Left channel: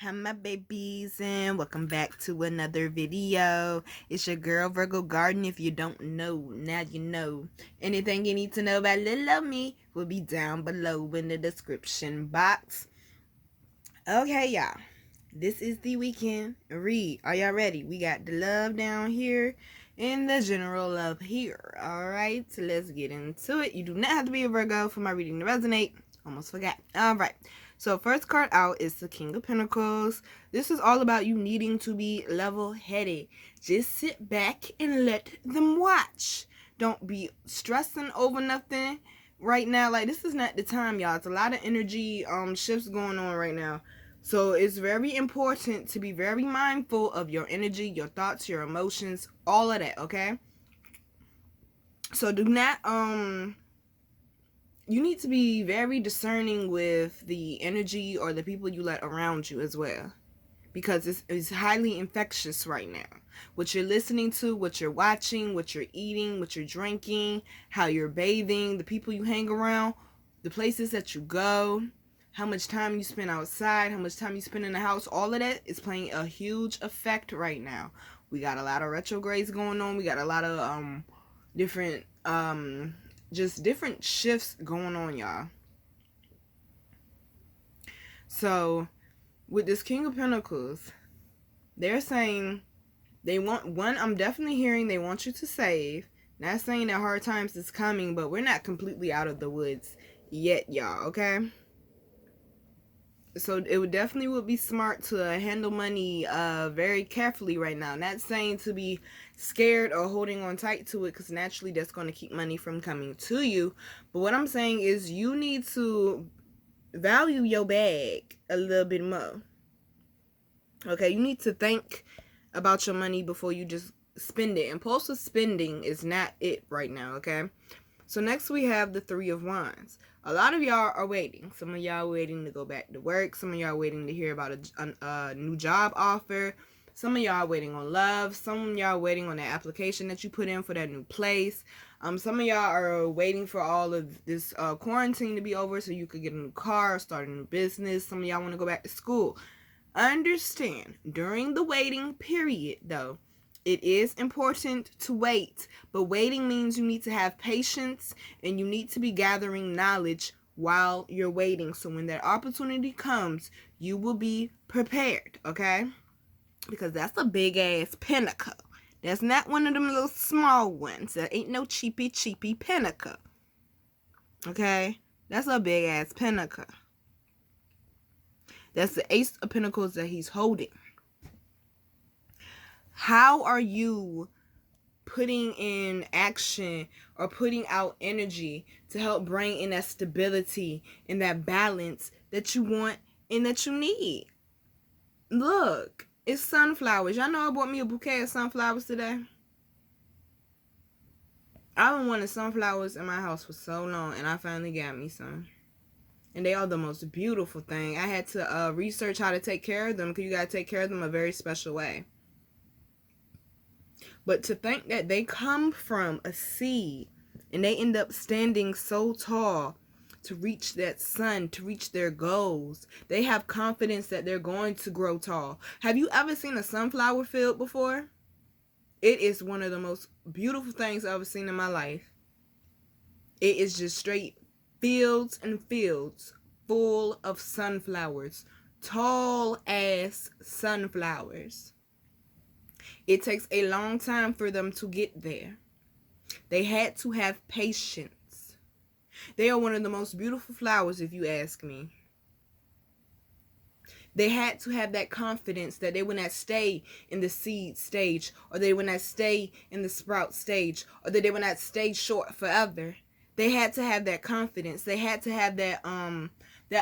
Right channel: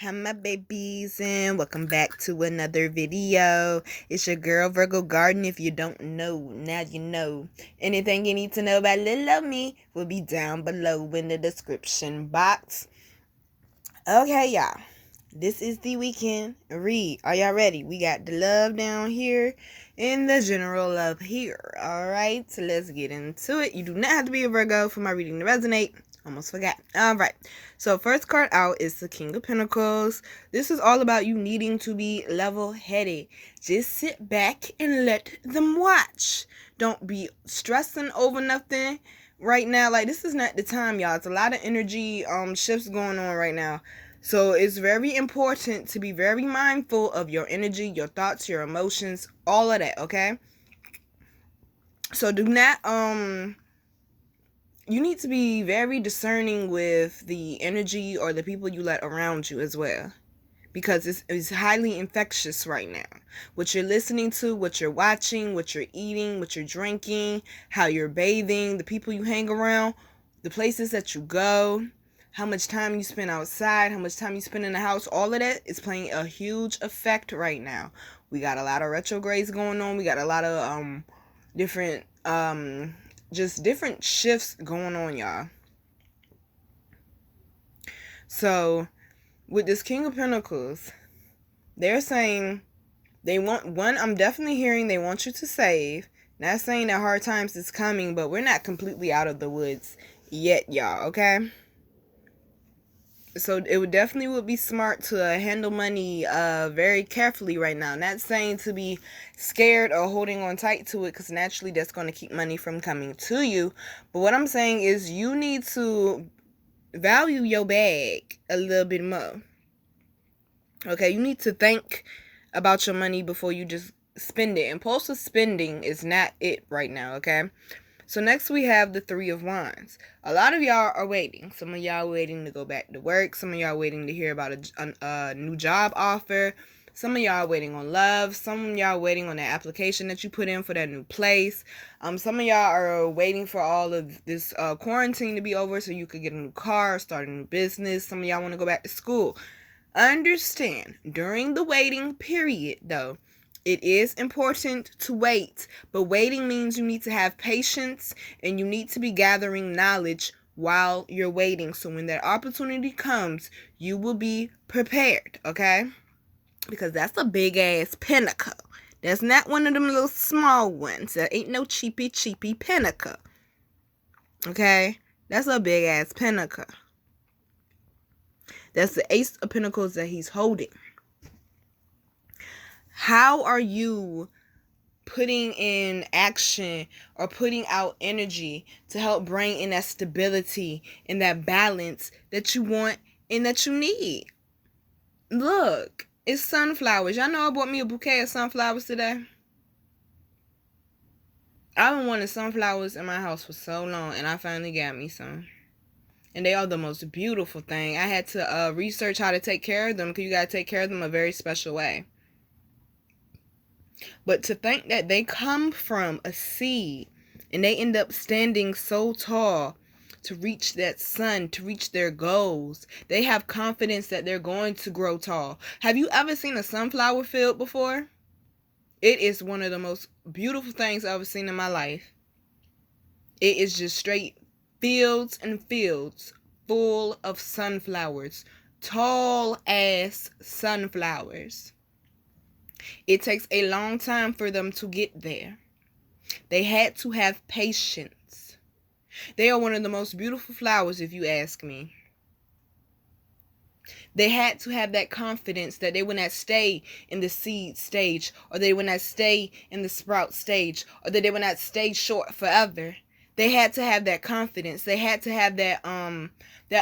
Hi my babies, and welcome back to another video. It's your girl Virgo Garden. If you don't know, now you know. Anything you need to know about little me will be down below in the description box. Okay, y'all, this is the weekend read. Are y'all ready? We got the love down here and the general love here. Alright, so let's get into it. You do not have to be a Virgo for my reading to resonate. Almost forgot. Alright, so first card out is the King of Pentacles. This is all about you needing to be level-headed. Just sit back and let them watch. Don't be stressing over nothing right now. Like, this is not the time, y'all. It's a lot of energy shifts going on right now. So it's very important to be very mindful of your energy, your thoughts, your emotions, all of that, okay? So do not you need to be very discerning with the energy or the people you let around you as well, because it's highly infectious right now. What you're listening to, what you're watching, what you're eating, what you're drinking, how you're bathing, the people you hang around, the places that you go, how much time you spend outside, how much time you spend in the house, all of that is playing a huge effect right now. We got a lot of retrogrades going on. We got a lot of different just different shifts going on, y'all. So with this King of Pentacles, they're saying they want one. I'm definitely hearing they want you to save. Not saying that hard times is coming, but we're not completely out of the woods yet, y'all, okay? So it would definitely be smart to handle money very carefully right now. Not saying to be scared or holding on tight to it, because naturally that's going to keep money from coming to you. But what I'm saying is you need to value your bag a little bit more. Okay, you need to think about your money before you just spend it. Impulsive spending is not it right now, okay? So next we have the Three of Wands. A lot of y'all are waiting. Some of y'all waiting to go back to work. Some of y'all waiting to hear about a new job offer. Some of y'all waiting on love. Some of y'all waiting on that application that you put in for that new place. Some of y'all are waiting for all of this quarantine to be over so you could get a new car, start a new business. Some of y'all want to go back to school. Understand, during the waiting period, though, it is important to wait, but waiting means you need to have patience and you need to be gathering knowledge while you're waiting. So when that opportunity comes, you will be prepared, okay? Because that's a big ass pentacle. That's not one of them little small ones. That ain't no cheapy pentacle. Okay? That's a big ass pentacle. That's the Ace of Pentacles that he's holding. How are you putting in action or putting out energy to help bring in that stability and that balance that you want and that you need? Look, it's sunflowers. Y'all know I bought me a bouquet of sunflowers today. I've been wanting sunflowers in my house for so long, and I finally got me some. And they are the most beautiful thing. I had to research how to take care of them, because you got to take care of them a very special way. But to think that they come from a seed and they end up standing so tall to reach that sun, to reach their goals. They have confidence that they're going to grow tall. Have you ever seen a sunflower field before? It is one of the most beautiful things I've ever seen in my life. It is just straight fields and fields full of sunflowers. Tall ass sunflowers. It takes a long time for them to get there. They had to have patience. They are one of the most beautiful flowers, if you ask me. They had to have that confidence that they would not stay in the seed stage, or they would not stay in the sprout stage, or that they would not stay short forever. They had to have that confidence. They had to have that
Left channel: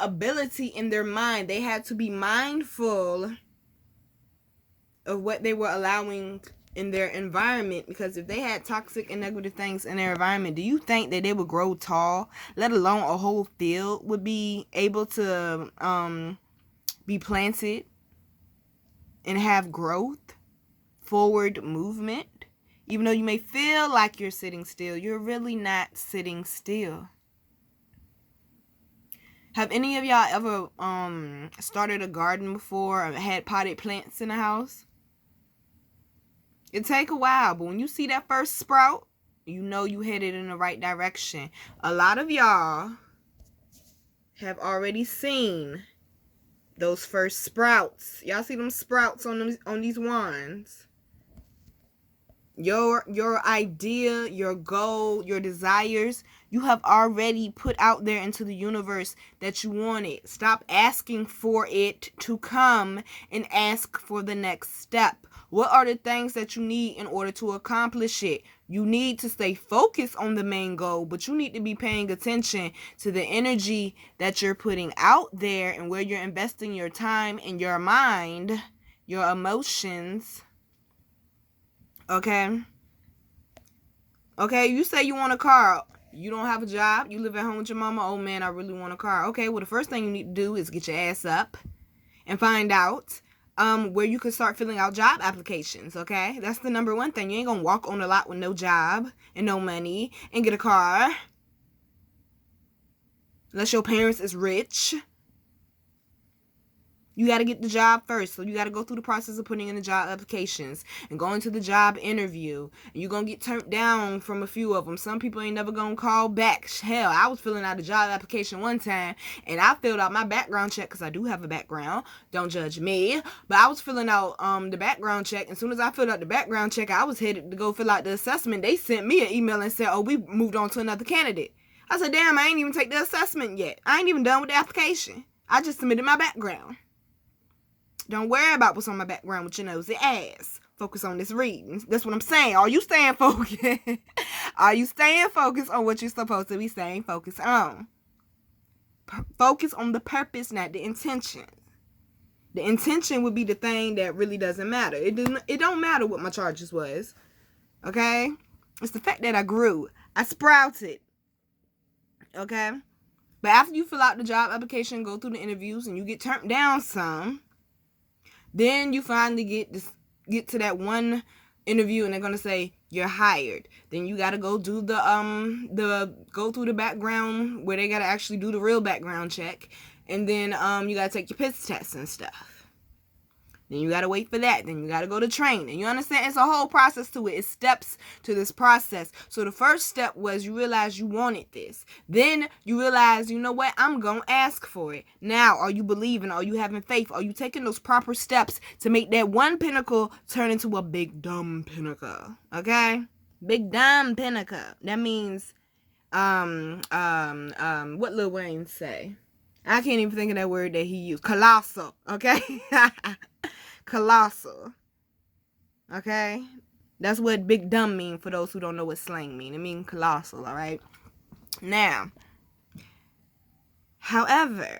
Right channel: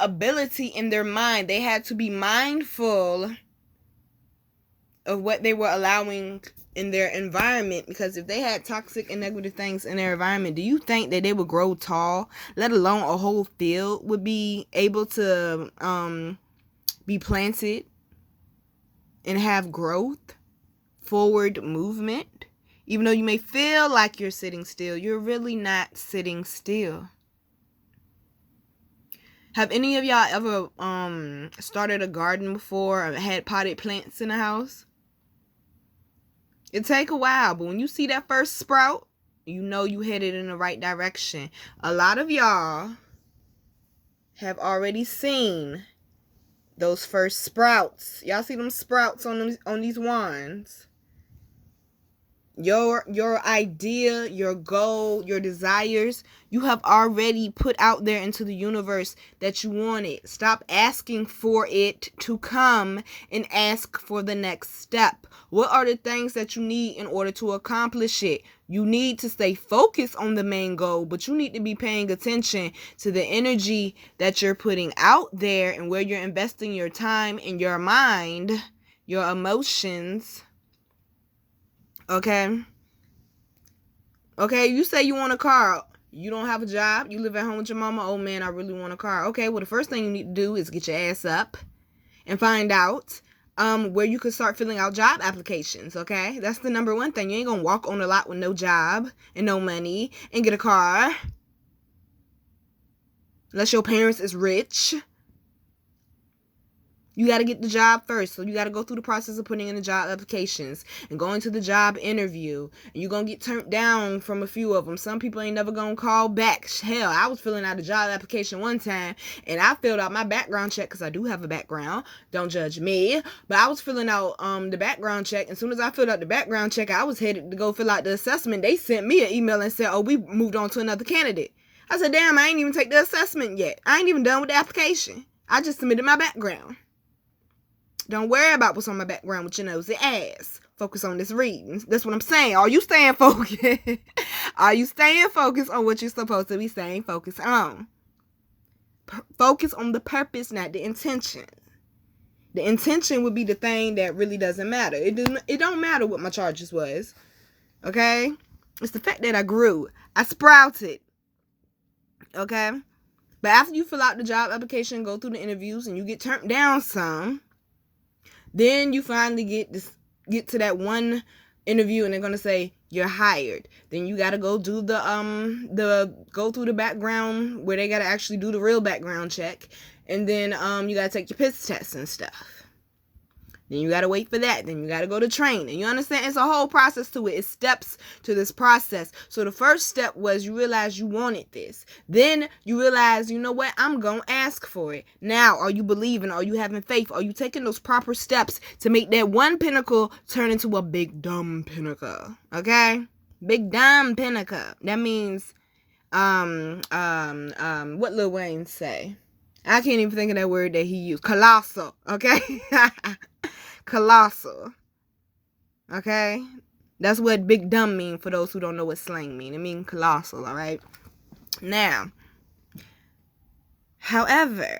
ability in their mind. They had to be mindful of what they were allowing in their environment, because if they had toxic and negative things in their environment, do you think that they would grow tall, let alone a whole field would be able to be planted and have growth, forward movement? Even though you may feel like you're sitting still, you're really not sitting still. Have any of y'all ever started a garden before or had potted plants in the house? It take a while, but when you see that first sprout, you know you headed in the right direction. A lot of y'all have already seen those first sprouts. Y'all see them sprouts on these wands? Your idea, your goal, your desires, you have already put out there into the universe that you want it. Stop asking for it to come and ask for the next step. What are the things that you need in order to accomplish it? You need to stay focused on the main goal, but you need to be paying attention to the energy that you're putting out there and where you're investing your time and your mind, your emotions. Okay, you say you want a car. You don't have a job. You live at home with your mama. Oh, man, I really want a car. Okay, well, the first thing you need to do is get your ass up and find out where you can start filling out job applications, okay? That's the number one thing. You ain't gonna walk on the lot with no job and no money and get a car unless your parents is rich. You got to get the job first. So you got to go through the process of putting in the job applications and going to the job interview. And you're going to get turned down from a few of them. Some people ain't never going to call back. Hell, I was filling out a job application one time and I filled out my background check because I do have a background. Don't judge me. But I was filling out the background check. And as soon as I filled out the background check, I was headed to go fill out the assessment. They sent me an email and said, oh, we moved on to another candidate. I said, damn, I ain't even take the assessment yet. I ain't even done with the application. I just submitted my background. Don't worry about what's on my background with your nosy ass. Focus on this reading. That's what I'm saying. Are you staying focused? Are you staying focused on what you're supposed to be staying focused on? Focus on the purpose, not the intention. The intention would be the thing that really doesn't matter. It don't matter what my charges was. Okay? It's the fact that I grew. I sprouted. Okay? But after you fill out the job application, go through the interviews, and you get turned down some, then you finally get to that one interview and they're going to say you're hired. Then you got to go do go through the background where they got to actually do the real background check. And then you got to take your piss test and stuff. Then you got to wait for that. Then you got to go to training. You understand? It's a whole process to it. It's steps to this process. So the first step was you realized you wanted this. Then you realize, you know what? I'm going to ask for it. Now, are you believing? Are you having faith? Are you taking those proper steps to make that one pinnacle turn into a big dumb pinnacle? Okay? Big dumb pinnacle. That means, what Lil Wayne say? I can't even think of that word that he used. Colossal. Okay? Colossal. Okay? That's what big dumb mean for those who don't know what slang mean. It mean colossal, alright? Now, however,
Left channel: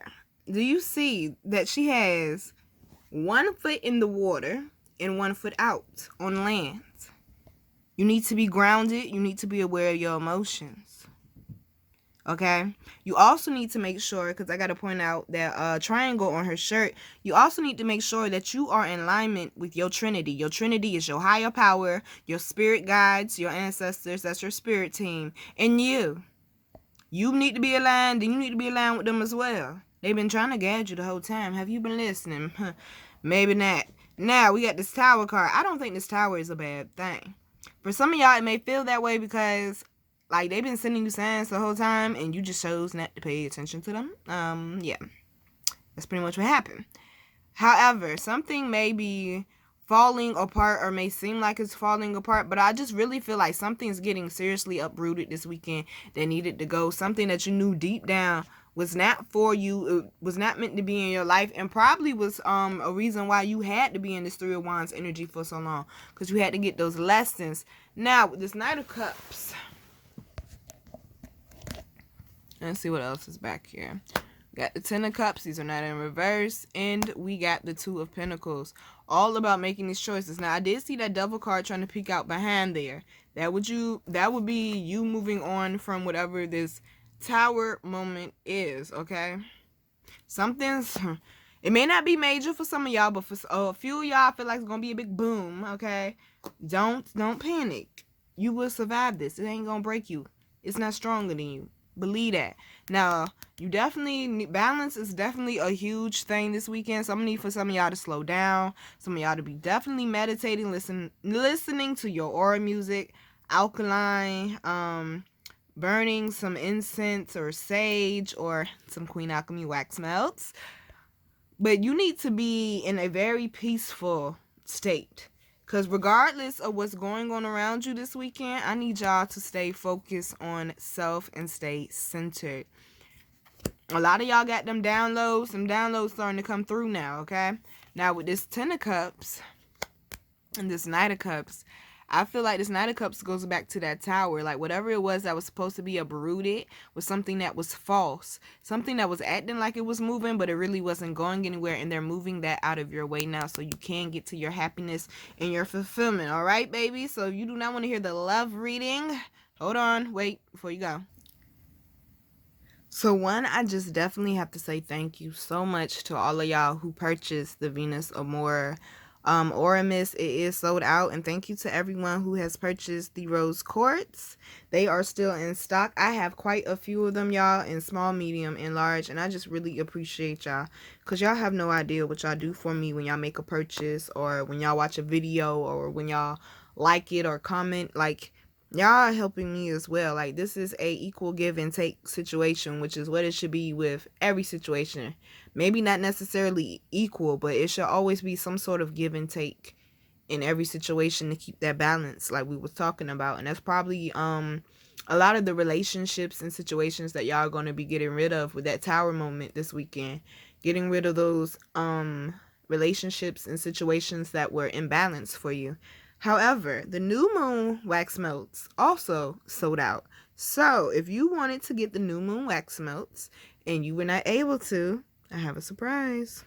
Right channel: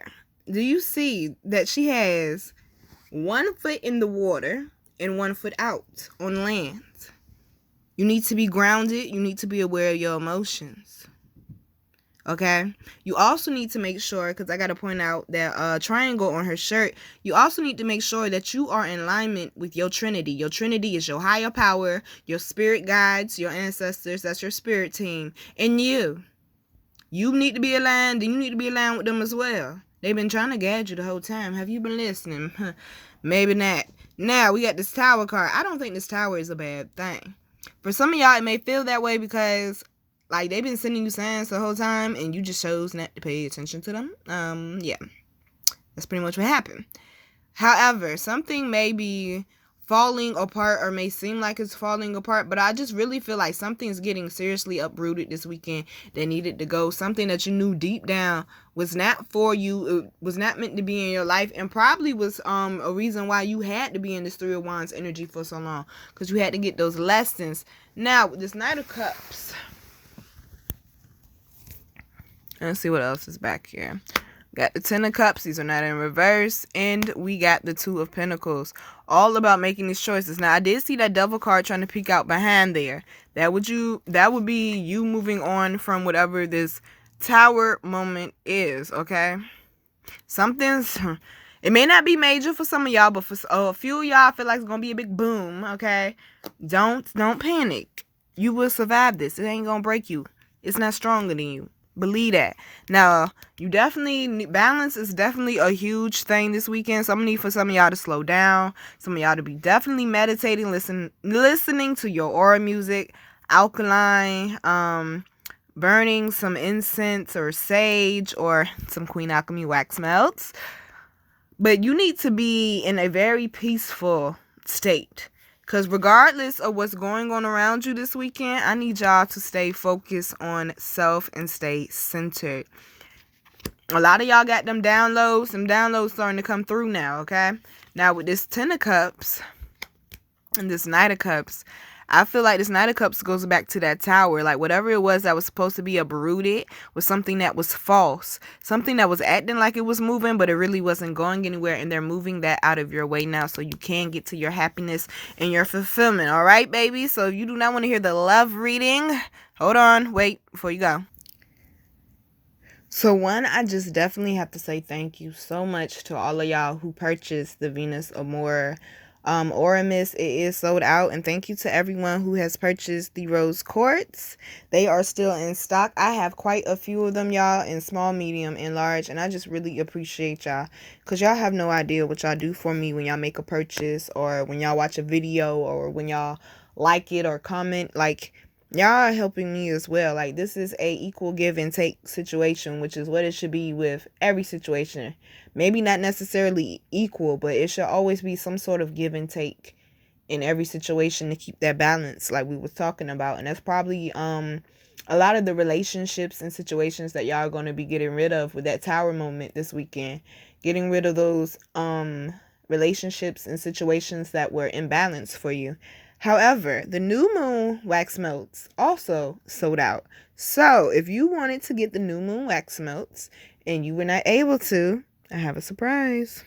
do you see that she has 1 foot in the water and 1 foot out on land? You need to be grounded. You need to be aware of your emotions. Okay? You also need to make sure, because I got to point out that triangle on her shirt, you also need to make sure that you are in alignment with your Trinity. Your Trinity is your higher power, your spirit guides, your ancestors, that's your spirit team, and you. You need to be aligned, and you need to be aligned with them as well. They've been trying to guide you the whole time. Have you been listening? Maybe not. Now, we got this tower card. I don't think this tower is a bad thing. For some of y'all, it may feel that way because like, they've been sending you signs the whole time, and you just chose not to pay attention to them. Yeah. That's pretty much what happened. However, something may be falling apart or may seem like it's falling apart, but I just really feel like something's getting seriously uprooted this weekend that needed to go. Something that you knew deep down was not for you. It was not meant to be in your life, and probably was a reason why you had to be in this Three of Wands energy for so long, because you had to get those lessons. Now, with this Knight of Cups, let's see what else is back here. Got the 10 of Cups. These are not in reverse. And we got the 2 of Pentacles. All about making these choices. Now, I did see that Devil card trying to peek out behind there. That would be you moving on from whatever this Tower moment is, okay? It may not be major for some of y'all, but for a few of y'all, I feel like it's going to be a big boom, okay? Don't panic. You will survive this. It ain't going to break you. It's not stronger than you. Believe that. Now, you definitely need, balance is definitely a huge thing this weekend. So I'm gonna need for some of y'all to slow down. Some of y'all to be definitely meditating, listening to your aura music, alkaline, burning some incense or sage or some Queen Alchemy wax melts. But you need to be in a very peaceful state. Because regardless of what's going on around you this weekend, I need y'all to stay focused on self and stay centered. A lot of y'all got them downloads. Some downloads starting to come through now, okay? Now with this Ten of Cups and this Knight of Cups, I feel like this Knight of Cups goes back to that Tower. Like whatever it was that was supposed to be uprooted was something that was false. Something that was acting like it was moving, but it really wasn't going anywhere. And they're moving that out of your way now so you can get to your happiness and your fulfillment. All right, baby? So if you do not want to hear the love reading, hold on. Wait before you go. So one, I just definitely have to say thank you so much to all of y'all who purchased the Venus Amore Aura Mist. It is sold out, and thank you to everyone who has purchased the Rose Quartz. They are still in stock. I have quite a few of them, y'all, in small, medium, and large, and I just really appreciate y'all because y'all have no idea what y'all do for me when y'all make a purchase or when y'all watch a video or when y'all like it or comment. Like, y'all are helping me as well. Like, this is a equal give and take situation, which is what it should be with every situation. Maybe not necessarily equal, but it should always be some sort of give and take in every situation to keep that balance like we was talking about. And that's probably a lot of the relationships and situations that y'all are going to be getting rid of with that Tower moment this weekend. Getting rid of those relationships and situations that were imbalanced for you. However, the new moon wax melts also sold out. So if you wanted to get the new moon wax melts and you were not able to, I have a surprise.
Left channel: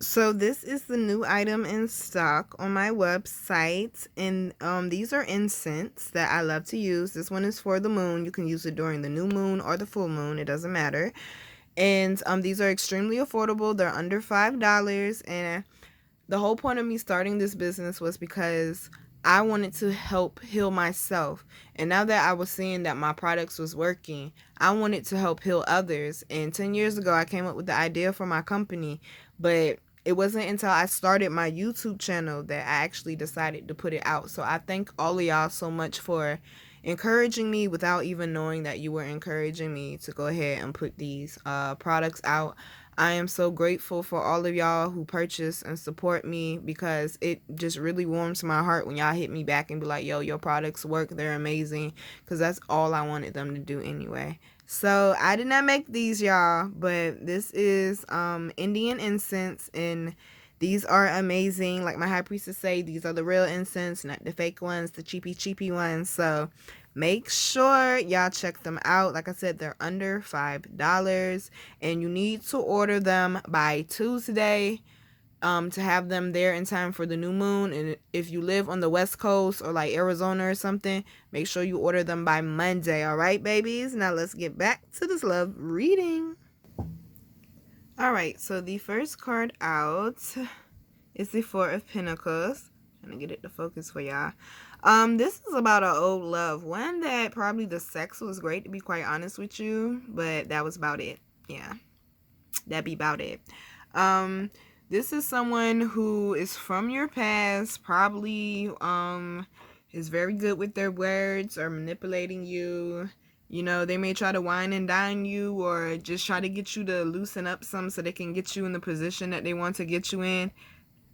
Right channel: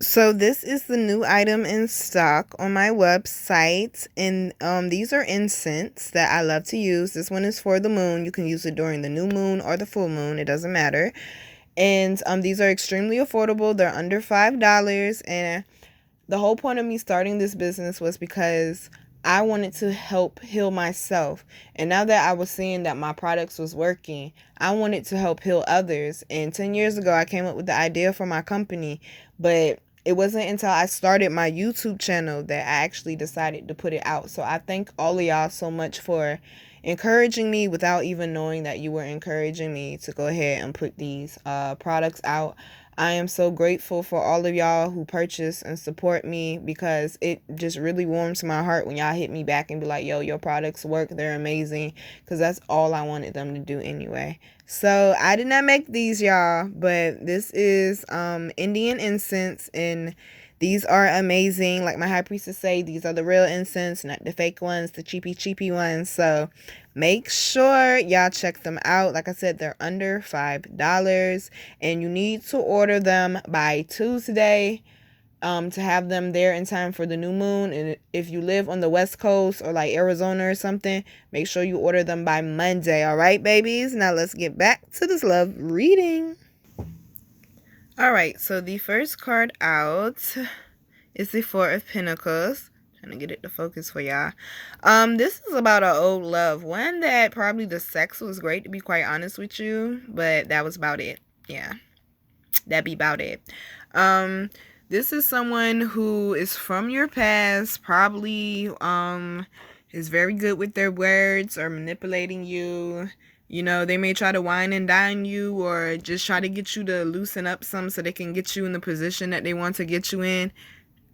So this is the new item in stock on my website, and these are incense that I love to use. This one is for the moon. You can use it during the new moon or the full moon. It doesn't matter. And these are extremely affordable. They're under $5, and the whole point of me starting this business was because I wanted to help heal myself. And now that I was seeing that my products was working, I wanted to help heal others. And 10 years ago, I came up with the idea for my company. But it wasn't until I started my YouTube channel that I actually decided to put it out. So I thank all of y'all so much for encouraging me without even knowing that you were encouraging me to go ahead and put these products out. I am so grateful for all of y'all who purchase and support me because it just really warms my heart when y'all hit me back and be like, yo, your products work. They're amazing, because that's all I wanted them to do anyway. So I did not make these, y'all, but this is Indian incense, and these are amazing. Like my high priestess say, these are the real incense, not the fake ones, the cheapy ones. So make sure y'all check them out. Like I said, they're under $5, and you need to order them by Tuesday to have them there in time for the new moon. And if you live on the West Coast or like Arizona or something, make sure you order them by Monday. All right, babies? Now let's get back to this love reading. All right, so the first card out is the Four of Pentacles. Trying to get it to focus for y'all. This is about an old love. One that probably the sex was great, to be quite honest with you, but that was about it. Yeah, that'd be about it. This is someone who is from your past, probably is very good with their words or manipulating you. You know, they may try to wine and dine you or just try to get you to loosen up some so they can get you in the position that they want to get you in.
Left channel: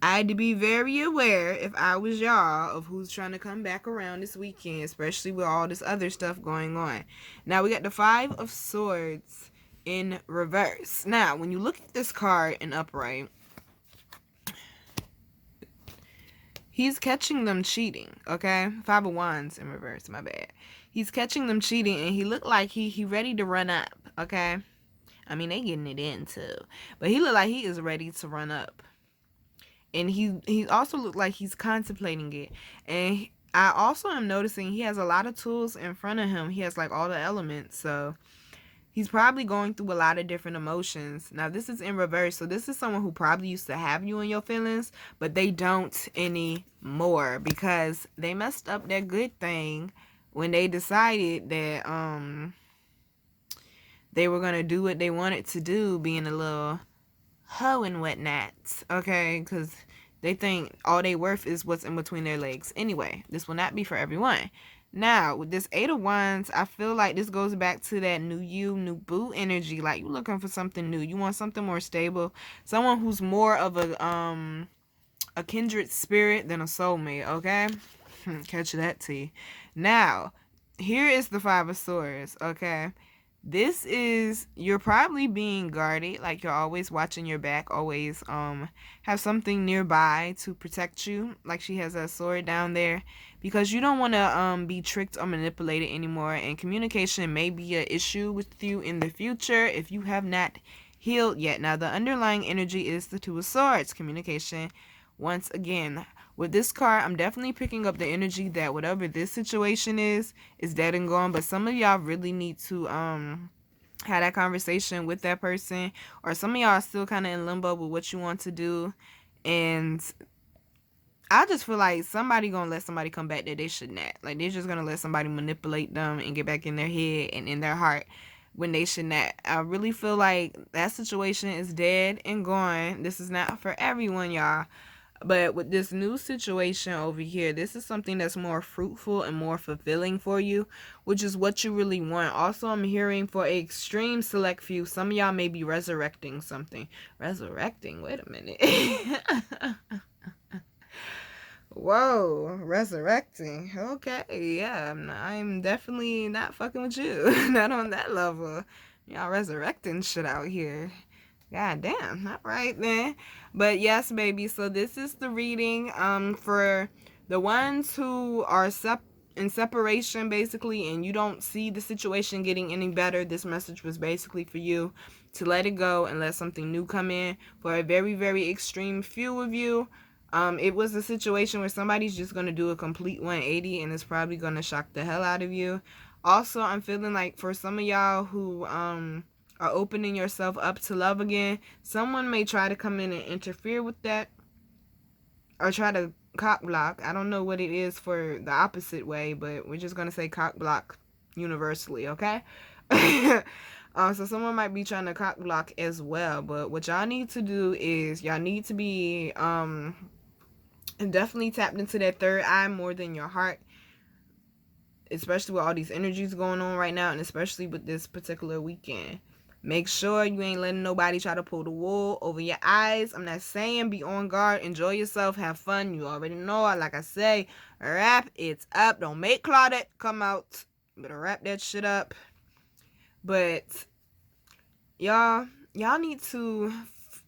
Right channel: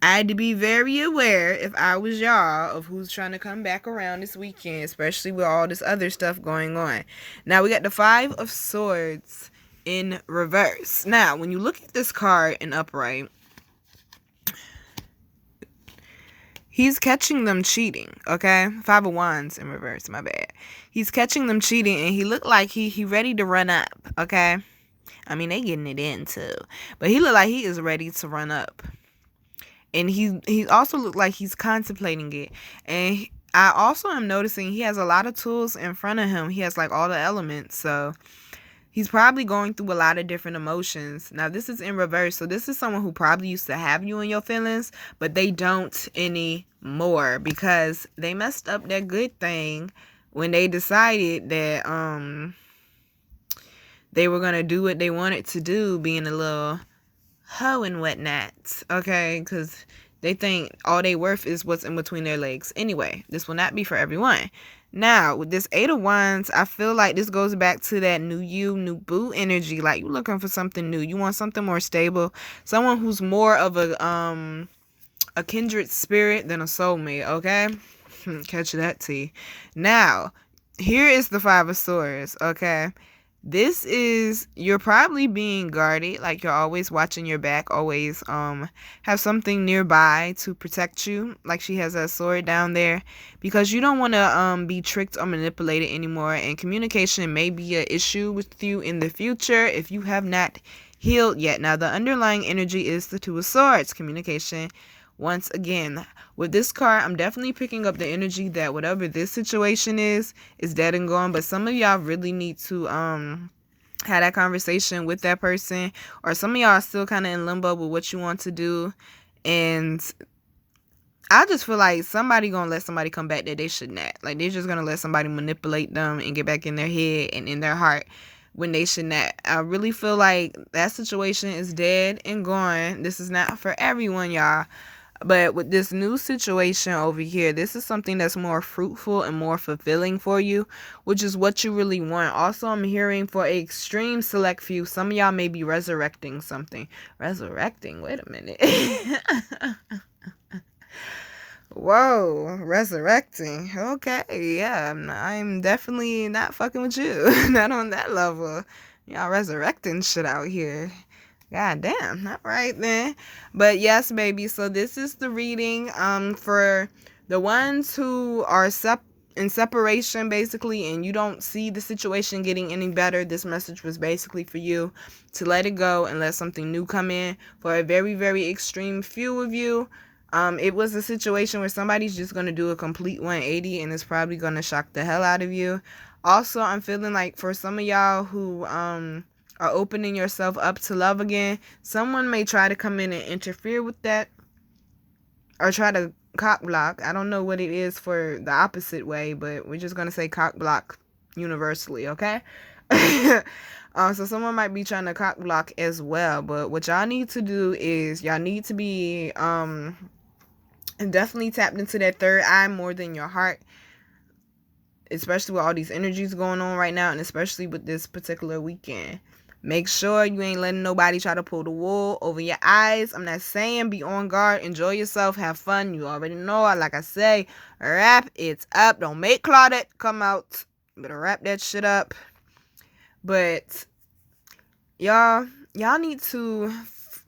I had to be very aware, if I was y'all, of who's trying to come back around this weekend, especially with all this other stuff going on. Now, we got the Five of Swords in reverse. Now, when you look at this card in upright, he's catching them cheating, okay? Five of Wands in reverse, my bad. He's catching them cheating, and he looked like he ready to run up, okay? I mean, they getting it in, too. But he looked like he is ready to run up. And he also looked like he's contemplating it. And I also am noticing he has a lot of tools in front of him. He has, like, all the elements, so he's probably going through a lot of different emotions. Now, this is in reverse. So this is someone who probably used to have you in your feelings, but they don't anymore because they messed up their good thing when they decided that they were gonna do what they wanted to do, being a little hoe and whatnot, okay? Because they think all they worth is what's in between their legs. Anyway, this will not be for everyone. Now, with this Eight of Wands, I feel like this goes back to that new you, new boo energy. Like, you're looking for something new. You want something more stable. Someone who's more of a kindred spirit than a soulmate, okay? Catch that, T. Now, here is the Five of Swords, okay? This is, you're probably being guarded, like you're always watching your back, always have something nearby to protect you, like she has that sword down there, because you don't want to be tricked or manipulated anymore, and communication may be an issue with you in the future if you have not healed yet. Now, the underlying energy is the Two of Swords, communication. Once again, with this card, I'm definitely picking up the energy that whatever this situation is dead and gone. But some of y'all really need to have that conversation with that person. Or some of y'all are still kind of in limbo with what you want to do. And I just feel like somebody gonna let somebody come back that they should not. Like, they're just gonna let somebody manipulate them and get back in their head and in their heart when they should not. I really feel like that situation is dead and gone. This is not for everyone, y'all. But with this new situation over here, this is something that's more fruitful and more fulfilling for you, which is what you really want. Also, I'm hearing for an extreme select few, some of y'all may be resurrecting something. Resurrecting? Wait a minute. Whoa, resurrecting. Okay, yeah, I'm definitely not fucking with you. Not on that level. Y'all resurrecting shit out here. God damn. All right then. But yes, baby. So this is the reading for the ones who are in separation, basically, and you don't see the situation getting any better. This message was basically for you to let it go and let something new come in. For a very, very extreme few of you, it was a situation where somebody's just going to do a complete 180 and it's probably going to shock the hell out of you. Also, I'm feeling like for some of y'all who are opening yourself up to love again, someone may try to come in and interfere with that or try to cock block. I don't know what it is for the opposite way, but we're just going to say cock block universally, okay? So someone might be trying to cock block as well, but what y'all need to do is y'all need to be definitely tapped into that third eye more than your heart, especially with all these energies going on right now, and especially with this particular weekend. Make sure you ain't letting nobody try to pull the wool over your eyes. I'm not saying be on guard. Enjoy yourself. Have fun. You already know. Like I say, wrap it up. Don't make Claudette come out. Better wrap that shit up. But y'all need to,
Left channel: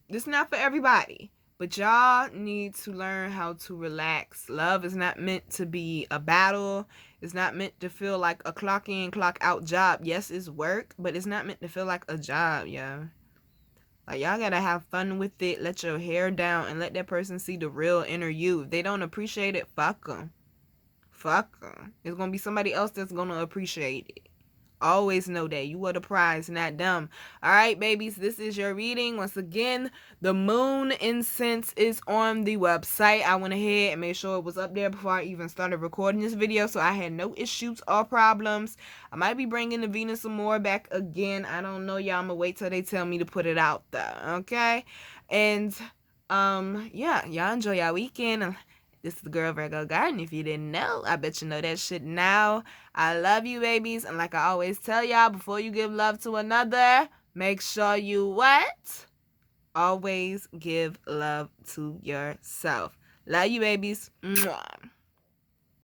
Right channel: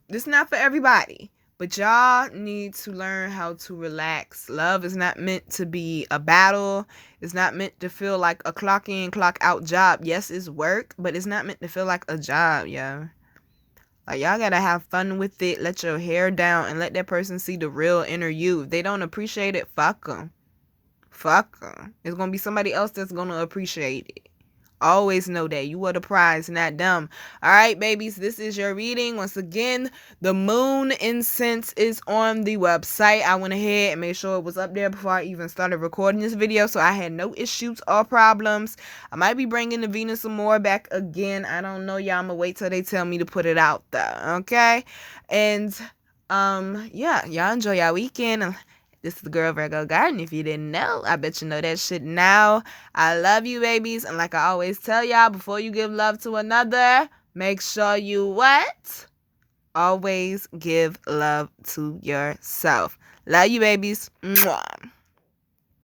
this is not for everybody, but y'all need to learn how to relax. Love is not meant to be a battle. It's not meant to feel like a clock in, clock out job. Yes, it's work, but it's not meant to feel like a job, yo. Like, y'all gotta have fun with it. Let your hair down and let that person see the real inner you. If they don't appreciate it, fuck them. Fuck them. It's gonna be somebody else that's gonna appreciate it. Always know that you are the prize, not them. All right, babies, this is your reading. Once again, the moon incense is on the website. I went ahead and made sure it was up there before I even started recording this video, so I had no issues or problems. I might be bringing the Venus some more back again. I don't know, y'all. I'm gonna wait till they tell me to put it out there, okay? And yeah, y'all enjoy y'all weekend. This is the girl Virgo Garden. If you didn't know, I bet you know that shit now. I love you, babies. And like I always tell y'all, before you give love to another, make sure you what? Always give love to yourself. Love you, babies. Mwah.